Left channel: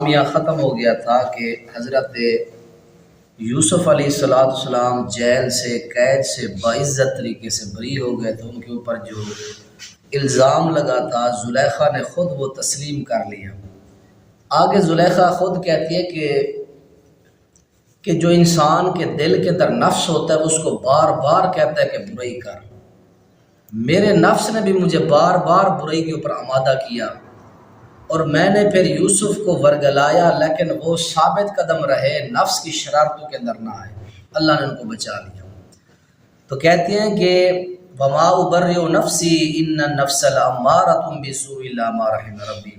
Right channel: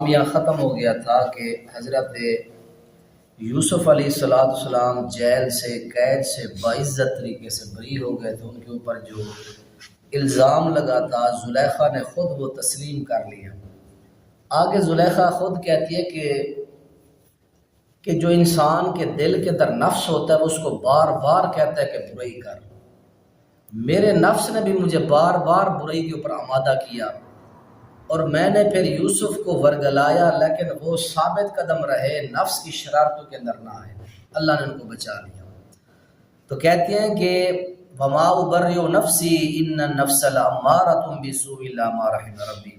یہ ختم ہو گیا تھا کہ حضرت یوسف علیہ السلام جیل سے قید سے باعزت طریقے سے بری ہو گئے تو ان کے اوپر جو الزام لگا تھا زلیخا نے خود وہ تسلیم کر لیا۔ آگے زلیخا خود کہتی ہے کہ جو انسان کے دل کے اندر نفس ہوتا ہے اس کو بار بار کہتا ہے کہ برائی کر، میرے نفس نے بھی مجھے بار بار برائی کے اوپر آمادہ کیا اور میں نے پھر یوسف کو ورگلایا، لیکن وہ ثابت قدم رہے، نفس کی شرارتوں کے اندر نہ آئے، اللہ نے ان کو بچا لیا۔ تو کہتے ہیں کہ وما ابرئ نفسی ان النفس لامارۃ بالسوء الا ما رحم ربی،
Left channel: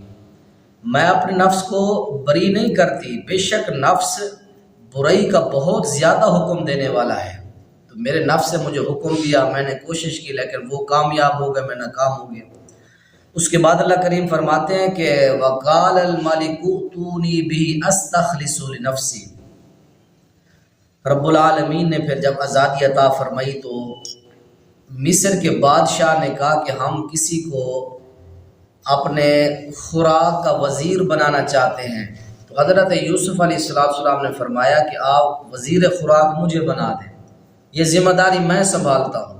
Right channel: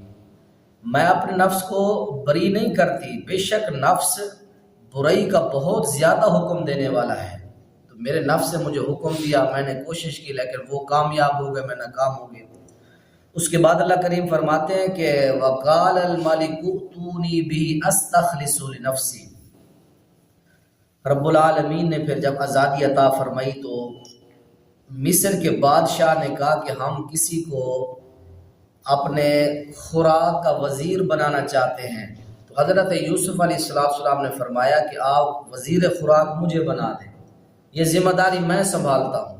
میں اپنے نفس کو بری نہیں کرتی، بے شک نفس برائی کا بہت زیادہ حکم دینے والا ہے۔ تو میرے نفس نے مجھے حکم دیا، میں نے کوشش کی لیکن وہ کامیاب ہو گئے، میں ناکام ہو گیا۔ اس کے بعد اللہ کریم فرماتے ہیں کہ وقال الملک ائتونی بہ استخلص لنفسی، رب العالمین نے پھر جب آزادی عطا فرمائی تو مصر کے بادشاہ نے کہا کہ ہم کسی کو اپنے خوراک کا وزیر بنانا چاہتے ہیں، تو حضرت یوسف علیہ السلام نے فرمایا کہ آپ وزیر خوراک مجھے بنا دیں، یہ ذمہ داری میں سنبھالتا ہوں۔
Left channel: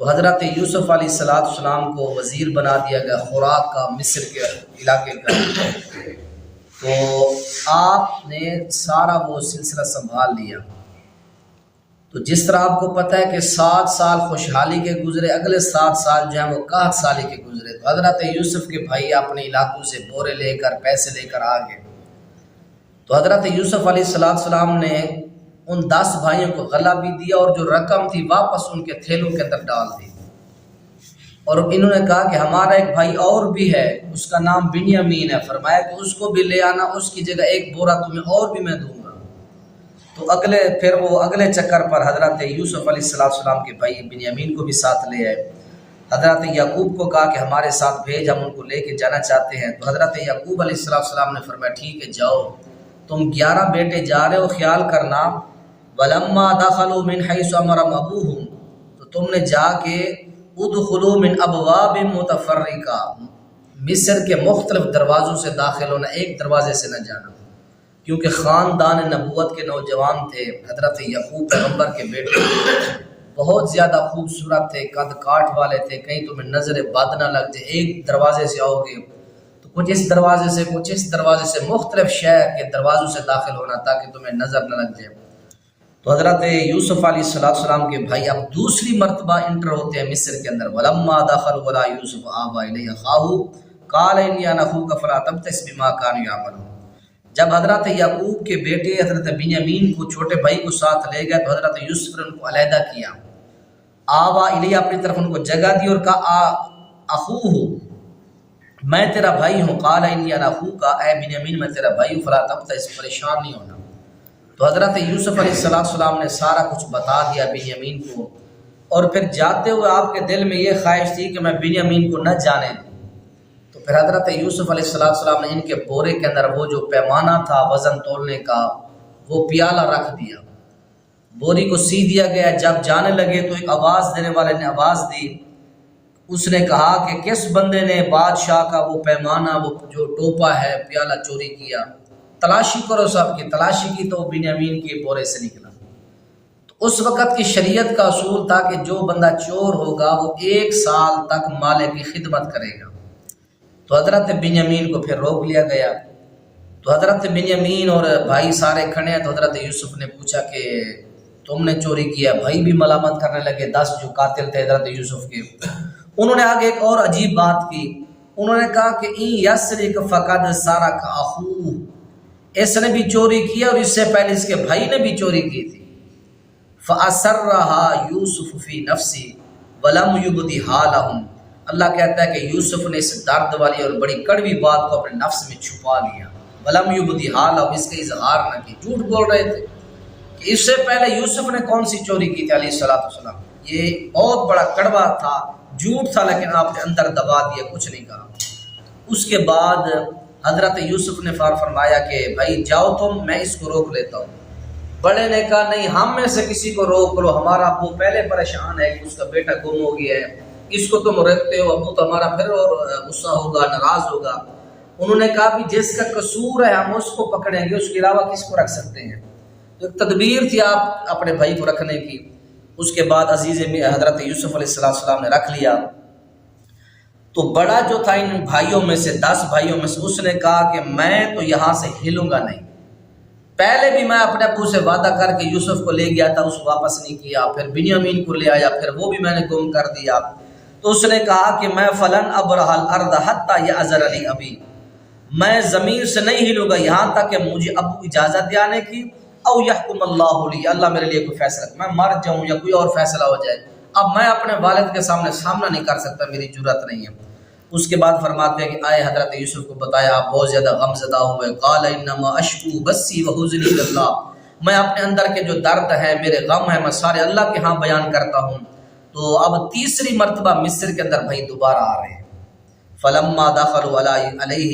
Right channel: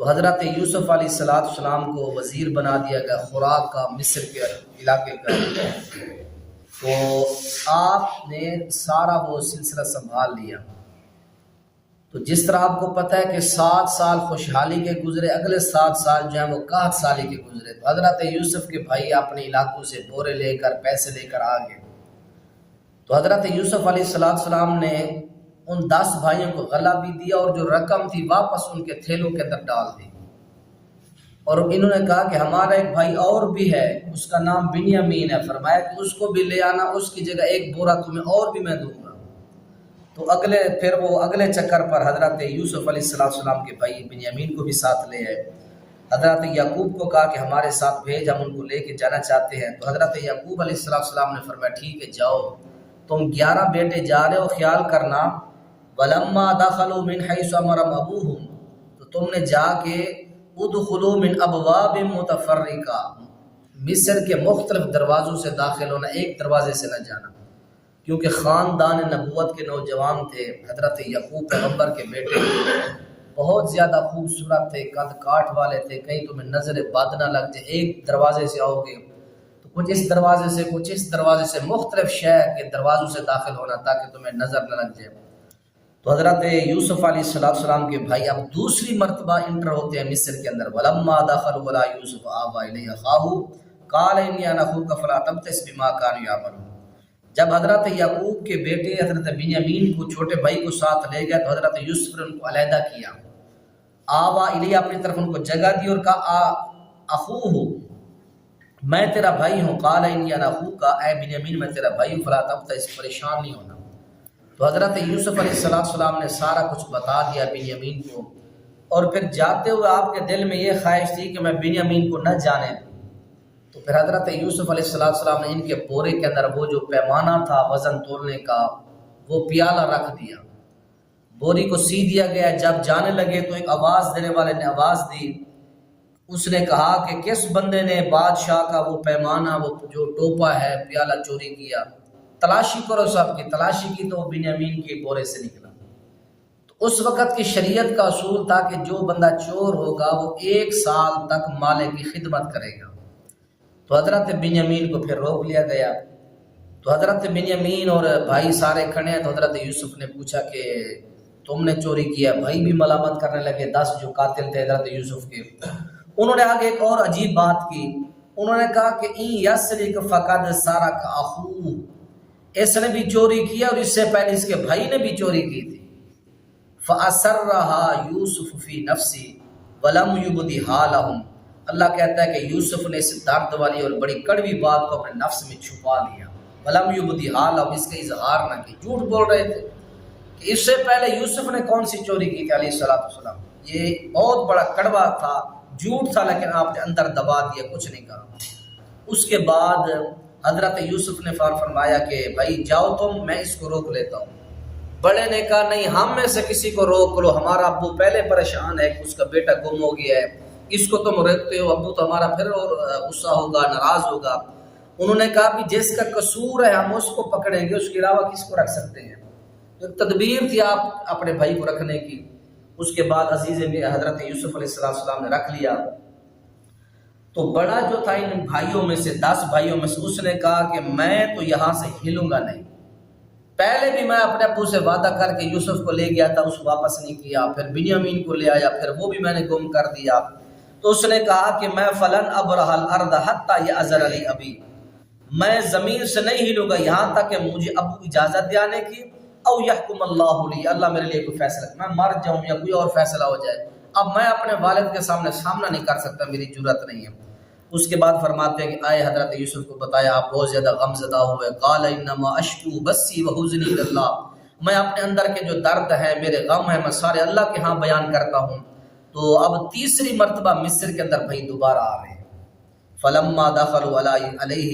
تو حضرت یوسف علیہ السلام کو وزیر بنا دیا گیا خوراک کا، مصر کے علاقے کا۔ تو آپ نے سارا وہ سلسلہ سنبھال لیا۔ تو جس طرح آپ کو پتہ ہے کہ 7 سال خوشحالی کے گزرے، اگلے 7 سال جو ہیں وہ قحط سالی کے گزرے، تو حضرت یوسف کے بھائی اپنے علاقوں سے بورے لے کر پیسے لے کر آ گئے۔ تو حضرت یوسف علیہ السلام نے ان 10 بھائیوں کو غلہ بھی دیا اور جو رقم تھی واپس ان کے تھیلوں کے اندر ڈال دی، اور انہوں نے کہا کہ ہمارا ایک بھائی اور بھی ہے، اس کا نام بنیامین ہے، فرمایا کہ اس کو بھی لے آنا، اس کی جگہ ایک بورا تمہیں اور بھی میں دوں گا۔ تو اگلے چکر پر حضرت یوسف علیہ السلام کے بھائی بنیامین کو بھی ساتھ لے آئے۔ حضرت یعقوب کو کہا کہ ہمارے ساتھ بھیج، ہم ان کو لے کے جانا چاہتے ہیں۔ تو حضرت یعقوب علیہ السلام نے فرمایا ٹھیک ہے جاؤ، تم 11 بیٹے جا رہے ہو، خیال کرنا وَلَمَّا دَخَلُوا مِنْ حَيْثُ أَمَرَهُمْ أَبُوهُمْ، تو تم نے جا کے ادخلوا من ابواب متفرقہ، مصر کے مختلف دروازوں سے داخل ہونا، ایک دروازے سے نہ جانا، کیونکہ خاندان نبوت کے نوجوان تھے، حضرت یعقوب پیغمبر کے بیٹے بہت زیادہ خوبصورت تھے، قد کاٹ والے تھے، کہیں تمہیں نظر بد نہ لگ جائے، ایک دروازے سے آؤ گے تو کچھ اس دروازے سے کچھ اس دروازے سے، مختلف شہر کے دروازوں سے داخل ہونا تاکہ تمہیں نظر نہ لگ جائے۔ تو حضرت یوسف علیہ السلام کے بھائی اب دوسری مرتبہ انٹر ہوتے ہیں مصر کے اندر۔ وَلَمَّا دَخَلُوا عَلَىٰ يُوسُفَ آوَىٰ إِلَيْهِ أَخَاهُ قَالَ إِنِّي أَنَا أَخُوكَ فَلَا تَبْتَئِسْ بِمَا كَانُوا يَعْمَلُونَ، جب حضرت یعقوب کے بیٹے حضرت بنیامین کو، چھوٹے بھائی کو ساتھ لے گئے تو حضرت یوسف نے ان کو علیحدہ کیا، آوَىٰ إِلَيْهِ اپنی طرف ان کو جگہ دی اور کہا أَخُوهُ، میں تیرا بھائی ہوں، قَالَ إِنِّي أَنَا أَخُوكَ، اے بنیامین میں تیرا بھائی ہوں، فَلَا تَبْتَئِسْ پریشان نہیں ہونا۔ تو حضرت یوسف علیہ السلام نے سارا کچھ بتا دیا بنیامین کو، اور پھر جاتے ہوئے آپ کے دل میں یہ خواہش تھی کہ میں بنیامین کو نہ جانے دوں۔ تو پھر حضرت یوسف علیہ السلام نے ان کے بورے کے اندر وہ جو پیمانہ تھا وزن تولنے کا، وہ پیالہ رکھ دیا، بوری کو سی دیا گیا۔ جب جانے لگے تو ایک آواز دینے والے نے آواز دی، اس نے کہا کہ کس بندے نے بادشاہ کا وہ پیمانہ، وہ جو ٹوپا ہے، پیالہ چوری کیا؟ تلاشی کرو، سب کی تلاشی کی تو بنیامین کے بورے سے نکلا۔ تو اس وقت کی شریعت کا اصول تھا کہ جو بندہ چور ہوگا وہ 1 سال تک مالک کی خدمت کرے گا۔ تو حضرت بنیامین کو پھر روک لیا گیا۔ تو حضرت بنیامین اور بھائی سارے کھڑے ہیں، تو حضرت یوسف نے پوچھا کہ تم نے چوری کیا؟ بھائی بھی ملامت کرنے لگے، 10 جو قاتل تھے حضرت یوسف کے۔ انہوں نے آگے ایک اور عجیب بات کی، انہوں نے کہا کہ اِن یسرق فقد سرق اخوہ، اس نے بھی چوری کی اور اس سے پہلے اس کے بھائی نے بھی چوری کی تھی۔ فَأَسَرَّهَا يُوسُفُ فِي نَفْسِهِ وَلَمْ يُبْدِهَا لَهُمْ، اللہ کہتا ہے کہ یوسف نے اس درد والی اور بڑی کڑوی بات کو اپنے نفس میں چھپا لیا۔ وَلَمْ يُبْدِهَا لَهُمْ، اس کا اظہار نہ کی، جھوٹ بول رہے تھے کہ اس سے پہلے یوسف نے کون سی چوری کی تھی علیہ السلام۔ یہ بہت بڑا کڑوا تھا، جھوٹ تھا، لیکن آپ نے اندر دبا دیا، کچھ نہیں کہا۔ اس کے بعد حضرت یوسف نے فرمایا کہ بھائی جاؤ تم، میں اس کو روک لیتا ہوں۔ بڑے نے کہا نہیں، ہم میں سے کسی کو روک لو، ہمارا ابو پہلے پریشان ہے کہ اس کا بیٹا گم ہو گیا ہے، اس کو تم روکتے ہو، ابو تو ہمارا پھر اور غصہ ہوگا، ناراض ہوگا۔ انہوں نے کہا بھی جس کا قصور ہے ہم اس کو پکڑیں گے، اس کے علاوہ کس کو رکھ سکتے ہیں؟ ایک تدبیر تھی آپ اپنے بھائی کو رکھنے کی۔ اس کے بعد عزیز حضرت یوسف علیہ السلام نے رکھ لیا۔ تو بڑا جو تھا ان بھائیوں میں سے، 10 بھائیوں میں سے، اس نے کہا کہ میں تو یہاں سے ہلوں گا نہیں۔ پہلے بھی میں اپنے ابو سے وعدہ کر کے یوسف کو لے گیا تھا، اس کو واپس نہیں کیا، پھر بنیامین کو لے آیا، پھر وہ بھی میں نے گم کر دیا۔ تو اس نے کہا کہ میں فلن ابرح الارض حتی یأذن لی ابی، میں زمین سے نہیں ہلوں گا یہاں تک کہ مجھے ابو اجازت دے آنے کی، او یحکم اللہ لی، اللہ میرے لیے کوئی فیصلہ، میں مر جاؤں یا کوئی اور فیصلہ ہو جائے، اب میں اپنے والد کے سامنا نہیں کر سکتا، میری جرأت نہیں ہے۔ اس کے بعد فرماتے ہیں کہ آئے حضرت یوسف کو بتایا، آپ بہت زیادہ غم زدہ ہوئے۔ قال انما اشکو بسی وحزنی اللہ، میں اپنے اندر کے جو درد ہے، میرے غم ہے، میں سارے اللہ کے ہاں بیان کرتا ہوں۔ تو اب تیسری مرتبہ مصر کے اندر بھائی دوبارہ آ رہے ہیں۔ فلما دخلوا علیہ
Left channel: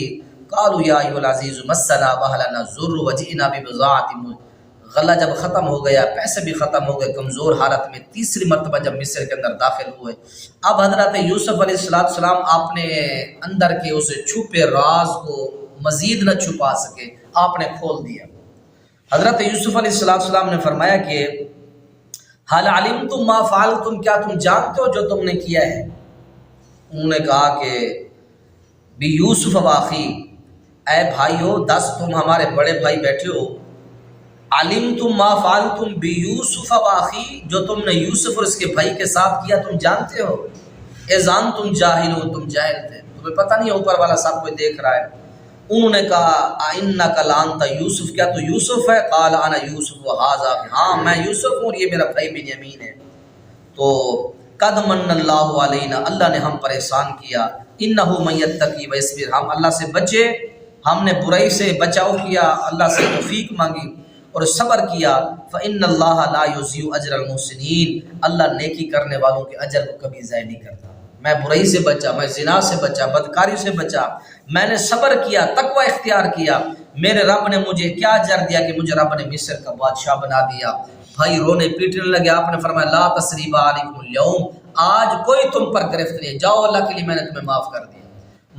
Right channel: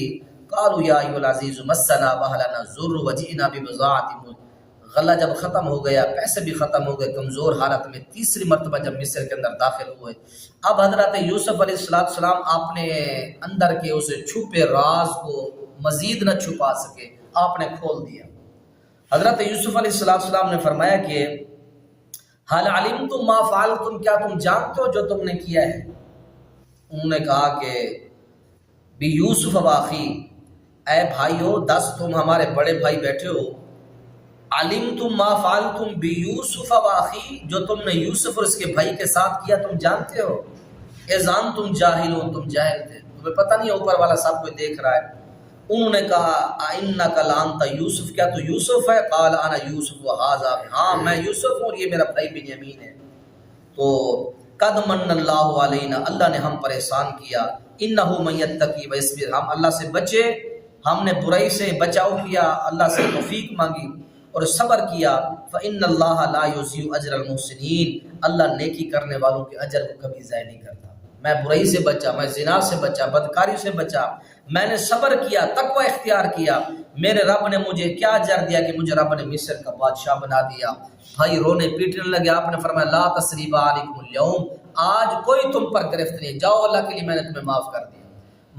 قالوا یا ایھا العزیز مسنا واہلنا الضر وجئنا ببضاعۃ، غلہ جب ختم ہو گیا، پیسے بھی ختم ہو گئے، کمزور حالت میں تیسری مرتبہ جب مصر کے اندر داخل ہوئے، اب حضرت یوسف علیہ السلام اپنے اندر کے اس چھپے راز کو مزید نہ چھپا سکے، آپ نے کھول دیا۔ حضرت یوسف علیہ السلام نے فرمایا کہ حال علمتم ما فعلتم، کیا تم جانتے ہو جو تم نے کیا ہے؟ انہوں نے کہا کہ بی یوسف واخی، اے بھائیو 10 تم ہمارے بڑے بھائی بیٹھے ہو، علمتم ما فعلتم بی یوسف واخی، جو تم نے یوسف اور اس کے بھائی کے ساتھ کیا تم جانتے ہو؟ اذان تم جاہل ہو، تم جاہل تھے، تمہیں پتہ نہیں اوپر والا سب کوئی دیکھ رہا ہے۔ انہوں نے کہا انک لانت یوسف، کیا تو یوسف ہے؟ قال انا یوسف وھذا، ہاں میں یوسف ہوں اور یہ میرا بھائی بنیامین ہے۔ تو قد من اللہ علینا، اللہ نے ہم پر احسان کیا، انہ من یتقی ویصبر، ہم اللہ سے بچے، ہم نے برائی سے بچاؤ کیا، اللہ سے توفیق مانگی اور صبر کیا۔ فإن اللہ لا یضیع اجر المحسنین، اللہ نیکی کرنے والوں کے اجر کو کبھی ضائع نہیں کرتا۔ میں برائی سے بچا، میں زنا سے بچا، بدکاری سے بچا، میں نے صبر کیا، تقوی اختیار کیا، میرے رب نے مجھے کیا اجر دیا کہ مجھے رب نے مصر کا بادشاہ بنا دیا۔ بھائی رونے پیٹنے لگے، آپ نے فرمایا لا تثریب علیکم اليوم، آج کوئی تم پر گرفت نہیں، جاؤ اللہ کے لیے میں نے تمہیں معاف کر دیا۔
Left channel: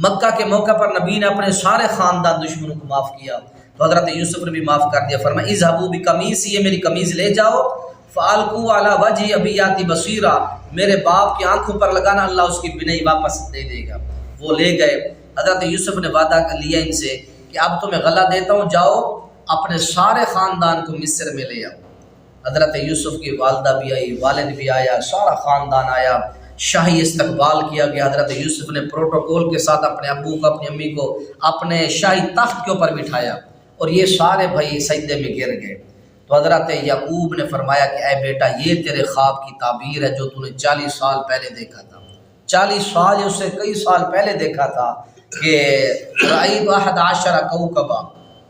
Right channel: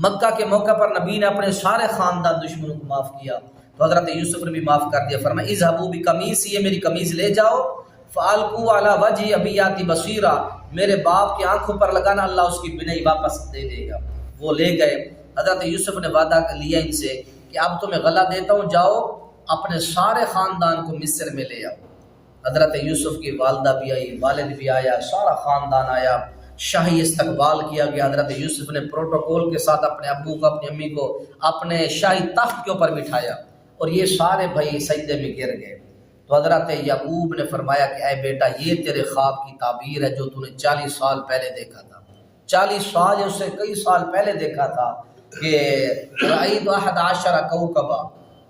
مکہ کے موقع پر نبی نے اپنے سارے خاندان دشمنوں کو معاف کیا، تو حضرت یوسف نے بھی معاف کر دیا۔ فرمایا اذهبوا بقمیصی، یہ میری قمیض لے جاؤ، فالقوا علی وجهی ابی یاتی بصیرا، میرے باپ کی آنکھوں پر لگانا، اللہ اس کی بینائی واپس دے دے گا۔ وہ لے گئے۔ حضرت یوسف نے وعدہ لیا ان سے کہ اب تمہیں غلہ دیتا ہوں، جاؤ اپنے سارے خاندان کو مصر میں لے آؤ۔ حضرت یوسف کی والدہ بھی آئی، والد بھی آیا، سارا خاندان آیا، شاہی استقبال کیا گیا۔ حضرت یوسف نے پروٹوکول کے ساتھ اپنے ابو کو، اپنی امی کو اپنے شاہی تخت کے اوپر بٹھایا اور یہ سارے بھائی سجدے میں گر گئے۔ تو حضرت یعقوب نے فرمایا کہ اے بیٹا، یہ تیرے خواب کی تعبیر ہے جو تو نے 40 سال پہلے دیکھا تھا، 40 سال یا اس سے کئی سال پہلے دیکھا تھا کہ رأیت 11 کوكبا،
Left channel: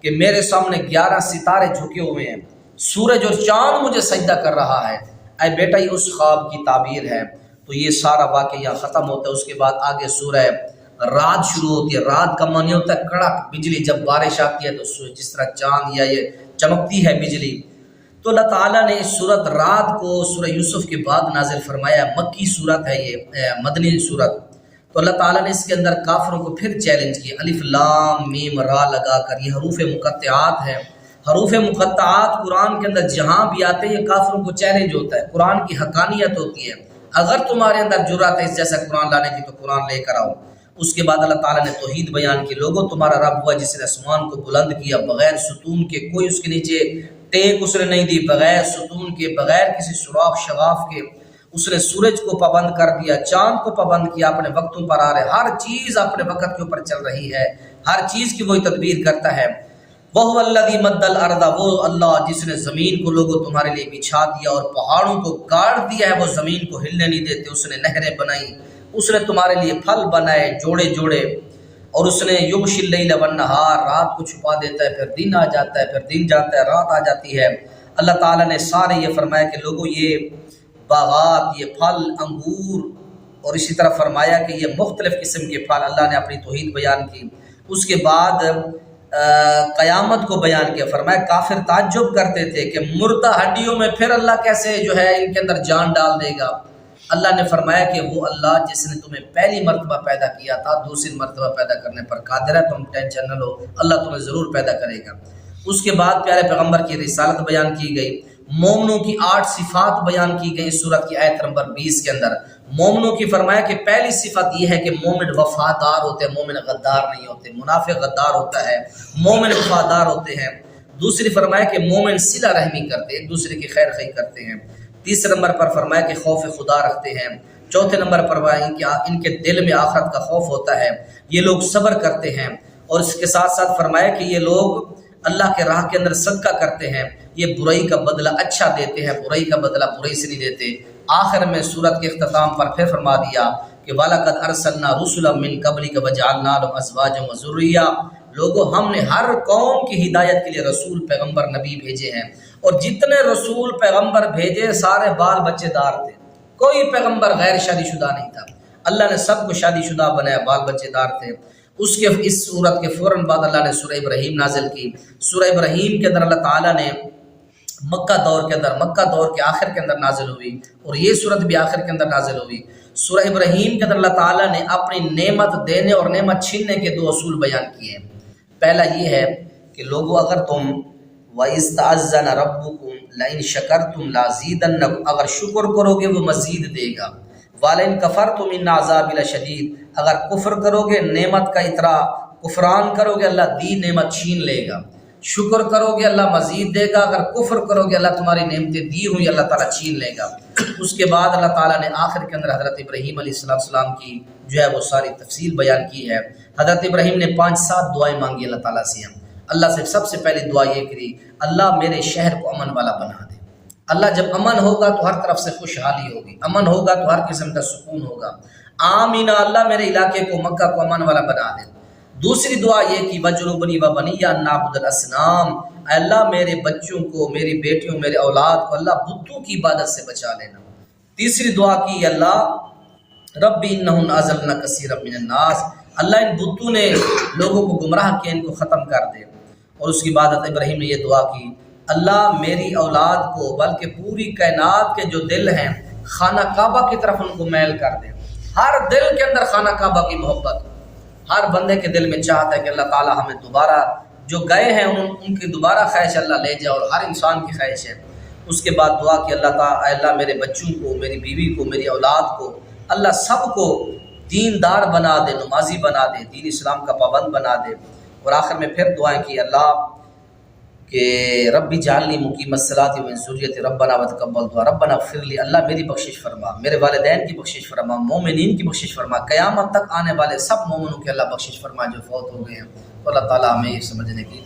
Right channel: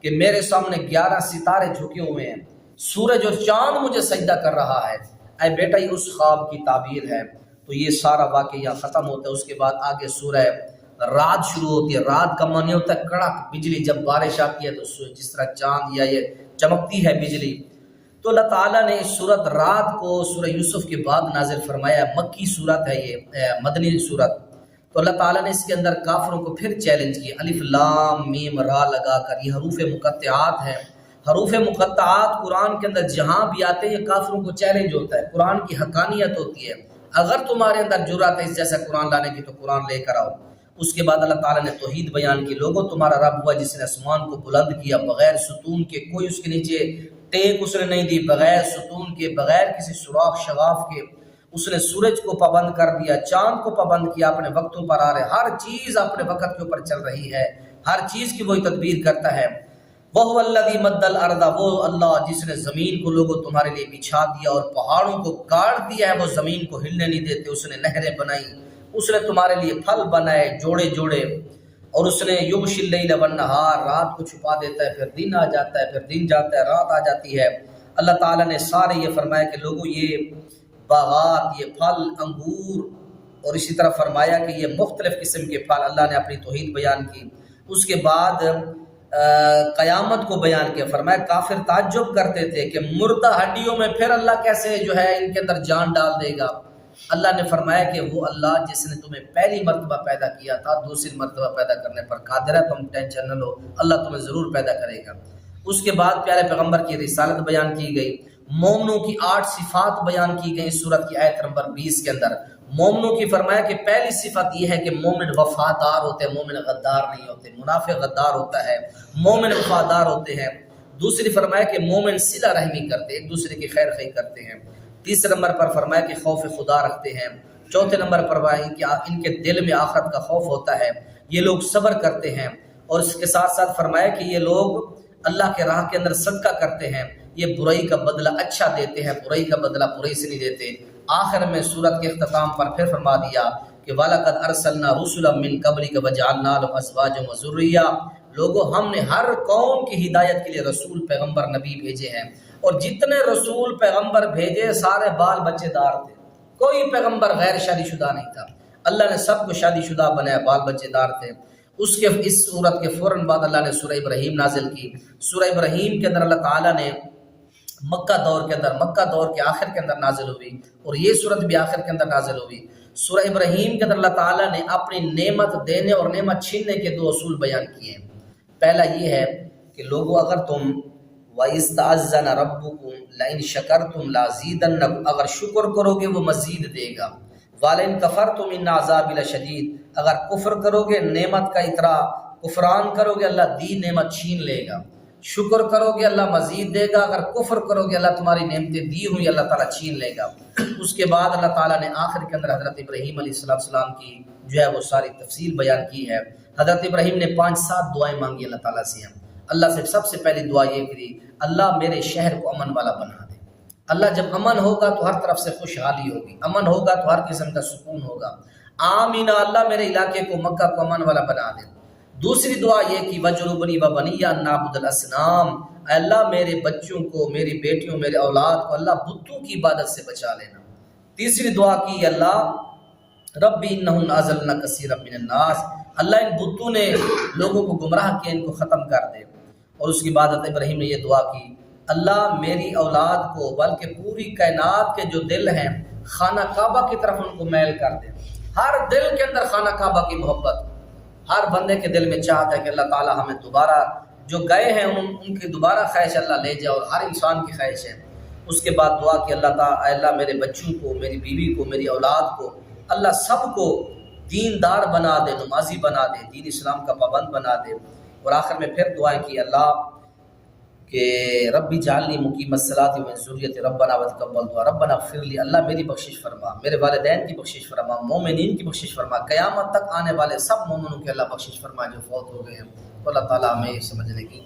کہ میرے سامنے 11 ستارے جھکے ہوئے ہیں، سورج اور چاند مجھے سجدہ کر رہا ہے۔ اے بیٹا، یہ اس خواب کی تعبیر ہے۔ تو یہ سارا واقعہ یہاں ختم ہوتا ہے۔ اس کے بعد آگے سورہ رات شروع ہوتی ہے۔ رات کا معنی ہوتا ہے کڑک بجلی، جب بارش آتی ہے تو جس طرح چاند یا یہ چمکتی ہے بجلی۔ تو اللہ تعالیٰ نے اس سورت رات کو سورہ یوسف کے بعد نازل فرمایا، مکی سورت ہے یہ، مدنی سورت۔ تو اللہ تعالیٰ نے اس کے اندر کافروں کو پھر چیلنج کیا، الف لام میم را لگا کر، یہ حروف مقطعات ہیں۔ حروف مقطعات قرآن کے اندر جہاں بھی آتے ہیں کافروں کو چیلنج ہوتا ہے، قرآن کی حقانیت ہوتی ہے۔ اگر تمہارے اندر جرأت ہے اس جیسا قرآن لانے کی تو قرآن لے کر آؤ۔ اس کے بعد اللہ تعالیٰ نے توحید بیان کی، لوگوں تمہارا رب ہوا جس نے آسمان کو بلند کیا بغیر ستون کے، کوئی اس کے نیچے ٹیک اس نے نہیں دی، بغیر ستون کے، بغیر کسی سوراخ شغاف کے۔ اس نے سورج کو پابند کر دیا، چاند کو پابند کیا، اپنے وقتوں پر آ رہے، ہر چیز اپنے وقت کے اوپر چل رہی ہے، ہر چیز کی وہی تدبیر کرتا ہے۔ وَهُوَ الَّذِي مَدَّ الْأَرْضَ، وہ اللہ جس نے زمین کو لوگوں تمہارے لیے بچھا دیا اور پہاڑوں کو گاڑ دیا ہے، وہ زمین کو ہلنے نہیں دیتے۔ اس نے نہریں بنائی، اس نے تمہارے لیے پھل بنائے جوڑے جوڑے، اور اس نے یغشی اللیل والنہار، رات کو چھپا دیتا ہے، پھر دن آ جاتا ہے، پھر دن جاتا ہے، رات آ جاتی ہے۔ اللہ تعالیٰ نے سارے یہ فرمایا کہ لوگوں یہ باغات، یہ پھل، انگور، اور اسی طرح فرمایا کہ یہ مختلف قسم کے پھل، اللہ نے اپنی توحید بیان کی۔ اس کے بعد قیامت کو بیان کیا، فرمایا کافر تعجب کرتے تھے کہ مردہ ہڈیوں میں پھر اللہ کیسے جو ہے ان کے اندر جان ڈال دے گا۔ اللہ نے فرمایا کہ وہ اللہ جس نے تمہیں پہلی مرتبہ پیدا کیا تھا دوسری مرتبہ پیدا کرنے پر قادر ہے، تم ٹینشن نہ لو، اللہ تمہیں ضرور پیدا کرے گا۔ اس کے بعد پیارے پیغمبر کی رسالت بیان کی گئی، مومنوں کی 8 صفات بیان کی گئی سورت کی آیت نمبر 20 کے اندر۔ مومنوں کی فرمایا کہ پہلی صفت یہ ہے کہ مومن وفادار ہوتے ہیں، مومن غدار نہیں ہوتے، منافق غدار ہوتا ہے، مومن وفادار ہوتے ہیں۔ دوسری فرمایا کہ مومن صلہ رحمی کرتے ہیں، ایک دوسرے کی خیر خواہی کرتے ہیں۔ تیسرے نمبر پر فرمایا کہ خوف خدا رکھتے ہیں۔ چوتھے نمبر پر فرمایا کہ ان کے دل میں آخرت کا خوف ہوتا ہے، یہ لوگ صبر کرتے ہیں۔ اور اس کے ساتھ ساتھ فرمایا کہ یہ لوگ اللہ کے راہ کے اندر صدقہ کرتے ہیں، یہ برائی کا بدلہ اچھا دیتے ہیں، برائی کا بدلہ برائی سے نہیں دیتے۔ آخر میں سورت کے اختتام پر پھر فرما دیا کہ وَلَقَدْ أَرْسَلْنَا رُسُلًا مِّن قَبْلِكَ وَجَعَلْنَا لَهُمْ أَزْوَاجًا وَذُرِّيَّةً۔ لوگوں ہم نے ہر قوم کی ہدایت کے لیے رسول پیغمبر نبی بھیجے ہیں، اور جتنے رسول پیغمبر بھیجے سارے بال بچے دار تھے، کوئی پیغمبر غیر شادی شدہ نہیں تھا، اللہ نے سب کو شادی شدہ بنایا، بال بچے دار تھے۔ اس کے اس صورت کے فوراً بعد اللہ نے سورہ ابراہیم نازل کی۔ سورہ ابراہیم کے اندر اللہ تعالیٰ نے مکہ دور کے آخر کے اندر نازل ہوئی، اور یہ صورت بھی آخر کے اندر نازل ہوئی۔ سورہ ابراہیم کے اندر اللہ تعالیٰ نے اپنی نعمت دینے اور نعمت چھیننے کے 2 اصول بیان کیے ہیں۔ پہلا یہ ہے کہ لوگوں اگر تم وَإِذْ تَعَذَّنَ رَبُّكُمْ لَئِن شَكَرْتُمْ لَأَزِيدَنَّكُمْ، اگر شکر کرو گے وہ مزید دے گا، وَلَئِن كَفَرْتُمْ إِنَّ عَذَابِي لَشَدِيدٌ، اگر کفر کرو گے، نعمت کا اترا کفران کرو گے، اللہ دی نعمت چھین لے گا۔ شکر کرو گے اللہ مزید دے گا، اگر کفر کرو گے اللہ تمہاری نعمتیں دی ہوئی اللہ تعالیٰ چھین لے گا۔ اس کے بعد اللہ تعالیٰ نے آخر کے اندر حضرت ابراہیم علیہ السلام کی جو ہے وہ ساری تفصیل بیان کی ہے۔ حضرت ابراہیم نے 5-7 دعائیں مانگی اللہ تعالیٰ سے۔ اللہ سے سب سے پہلی دعا یہ کری، اللہ میرے شہر کو امن والا بنا دے۔ اللہ جب امن ہوگا تو ہر طرف سے خوشحالی ہوگی، امن ہوگا تو ہر قسم کا سکون ہوگا۔ آمین، اللہ میرے علاقے کو مکہ کو امن والا بنا دے۔ دوسری دعا یہ کہ وَجْنُبْنِي وَبَنِيَّ أَن نَّعْبُدَ الْأَصْنَامَ، اے اللہ میرے بچوں کو، میری بیٹیوں، میرے اولاد کو اللہ بتوں کی عبادت سے بچا لینا۔ تیسری دعا کی اللہ رَبِّ إِنَّهُنَّ أَضَلَّلْنَ كَثِيرًا مِّنَ النَّاسِ، اللہ ان بتوں نے لوگوں کو گمراہ کیا، ان کو ختم کر دے۔ اور اس کے بعد حضرت ابراہیم نے یہ دعا کی، اللہ میری اولاد کو بلکہ پوری کائنات کے جو دل ہیں خانہ کعبہ کی طرف ان کو میل کر دے۔ ہر دل کے اندر خانہ کعبہ کی محبت، ہر بندے کے دل میں چاہتا ہے کہ اللہ تعالیٰ ہمیں دوبارہ جو گئے ہیں ان کی دوبارہ خواہش اللہ لے جائے، اور ہر انسان کی خواہش ہے۔ اس کے بعد دعا کہ اللہ تعالیٰ، اے اللہ میرے بچوں کو، میری بیوی کو، میری اولاد کو اللہ سب کو دیندار بنا دے، نمازی بنا دے، دین اسلام کا پابند بنا دے۔ اور آخر میں پھر دعائیں کی اللہ کہ ربی جعلنی مقیم الصلاۃ ومن ذریتی ربنا وتقبل دعا، ربنا اغفر لی، اللہ میری بخشش فرما، میرے والدین کی بخشش فرما، مومنین کی بخشش فرما، قیامت تک آنے والے سب مومنوں کے اللہ بخشش فرما جو فوت ہو گئے ہیں۔ اللہ تعالیٰ ہمیں یہ سمجھنے کی